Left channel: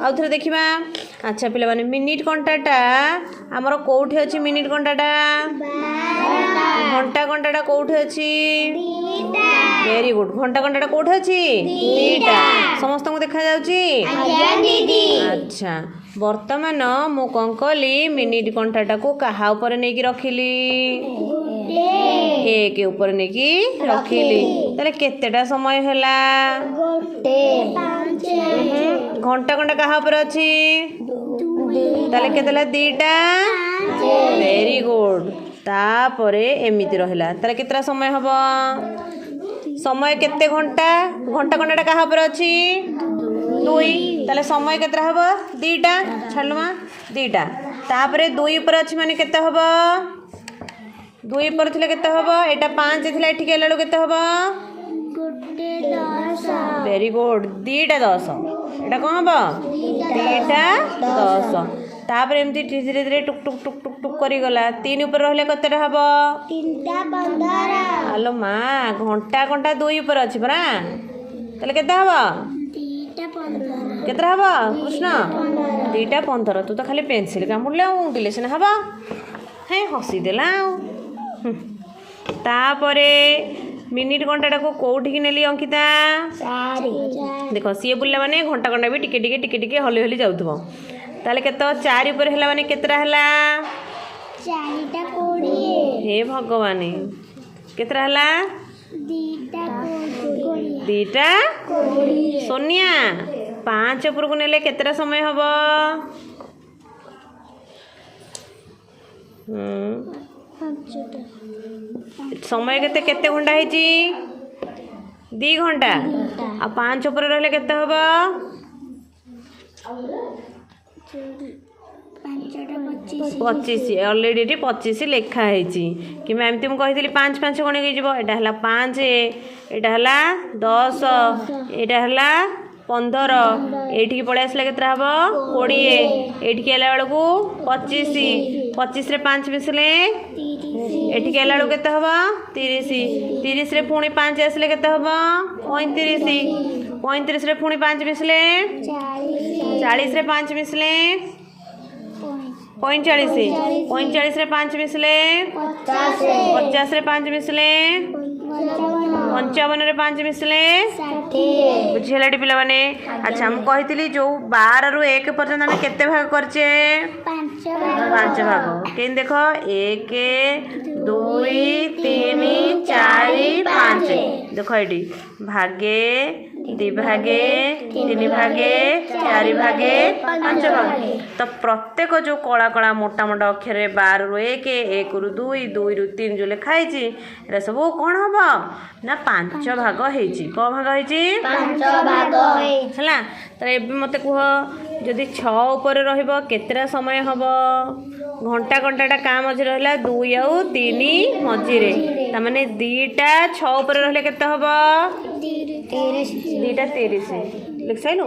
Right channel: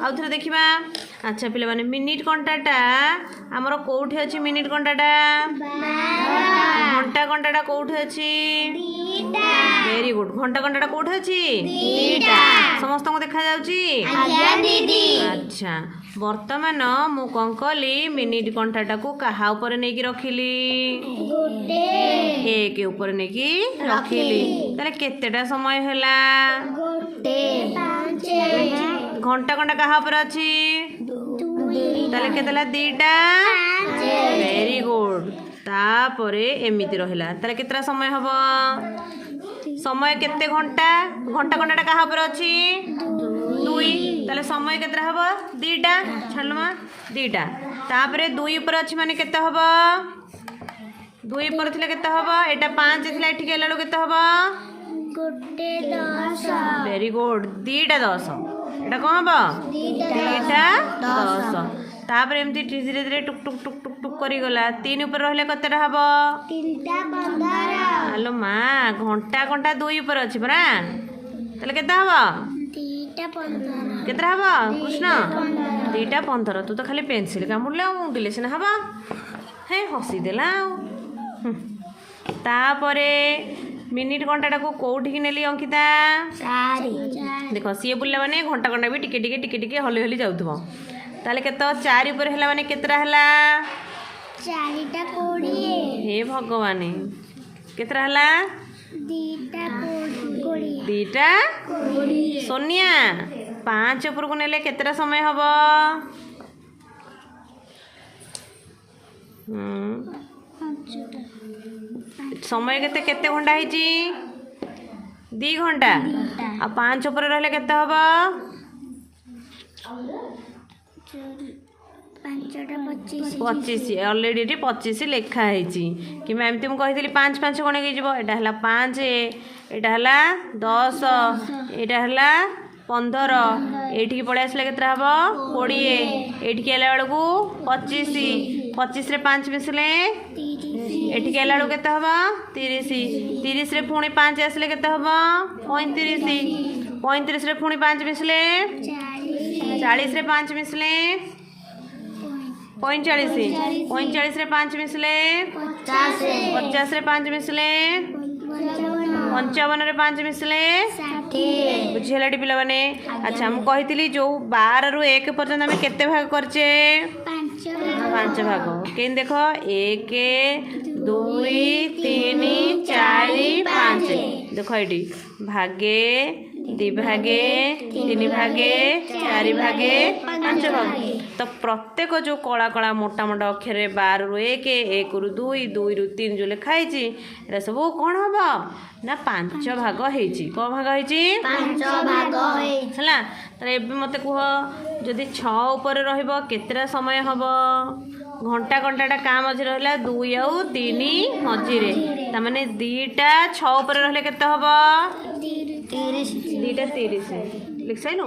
आउ थे देखा। अच्छा पिला माने मिनिट घंटाटा आमर कौटे अच्छी मिनिट घंटाटा घंटा घंटाटा कौटे अच्छी वेरी गुड घंटा घंटाटा कौटे अच्छी दीटा समस्त को देखा जाउची। अच्छा वर्तमान मु कौन कली मिनिट घंटाटा को कहा ऊपर नहीं कि रखिली एक ऊपर नहीं कि रखिली ताले केतेटा समय हैला घंटा घंटा कहा ऊपर अच्छी ताले केतेला दीटा वेरी गुड तापरे एमिति रहिला ताले केतरा समय हबो समय केते घंटा घंटा घंटाटा कहा ऊपर अच्छी दुई ताले समय केतरा हबो दीटा छाड़लमा दीटा तापरे दुई ऊपर अच्छी माने केते हबो दुई ऊपर थिले केते हबो एटा 5 थिला एठी केला लो केते हबो वेरी गुड दीटा 10 एटा कौन हम दीटा 10 तापर एमती धीरे धीरे टुक टुक टुक टुक टुक करी गला 3 ऊपर रहले कते हम 3:15 हेलो माँ घंटा घंटा 2 ऊपर अछि परा तले केते हम 2:15 केते हम कृष्ण 2:15 तू तो खाली पेंसिल कामुडले उंडिले सिना हबा हे हसी देला तापरे मिनिट घंटाटा को कौटी की नेली अंकिता देख सी बुला माने घंटा घंटा भी टिके टिके टिके टिके हली हली जाउथबो ताले केतो 4 ऊपर हैला माने केतरा हैला 4टा 20 हे भगवान केतरा हैला 2टा 20 सोनिया 5 ऊपर को नेले केतरा समय हबो समय केते केते घंटा है 2 घंटा आ 5 ऊपर रहले केते हबो 25 ऑलरेडी 25 लिखा है कि मैं एमती मुझे 5 5 गण एटा हला 5 एटा हला 10 एटा हला 15 एठी पळे आसले केतरा हबो 20 एठी आला बेलकू 25 25 रे 5 मिसले एठी आला बेलकू केते हबो 30 30 रे पुणी 5 आसले केते हबो 35 35 रे पुणी 5 मिसले 40 रे 5 मिसले 45 45 रे 5 मिसले 50 रे 5 मिसले 55 रे 5 मिसले बुझेला पिला माने। अच्छा हम कही जो 12 रु 1 पर्यंत आम केते भाग करचे 5 भाग के देख 1 2 3 4 5 देख ये भागे 2 भागे 3 भागे 4 भागे 5 भाग तो प्रत्येक जो कला कला मोटा मोटा अक्षर 12 रु 1 1 रु 2 2 रु 3 जो लिखाई एरा सब कौन हम ना 5 भाग होती कौ भाग होती 5 भाग है तो ये मत कह जदि 6 ऊपर रहिबो केतरा समय हम घंटा घंटाटा का मझे रहा 2 आउ 3 मझे ताने 2टा 6 ऊपर रहिले केते हम 2टा 30 लिख साइलु।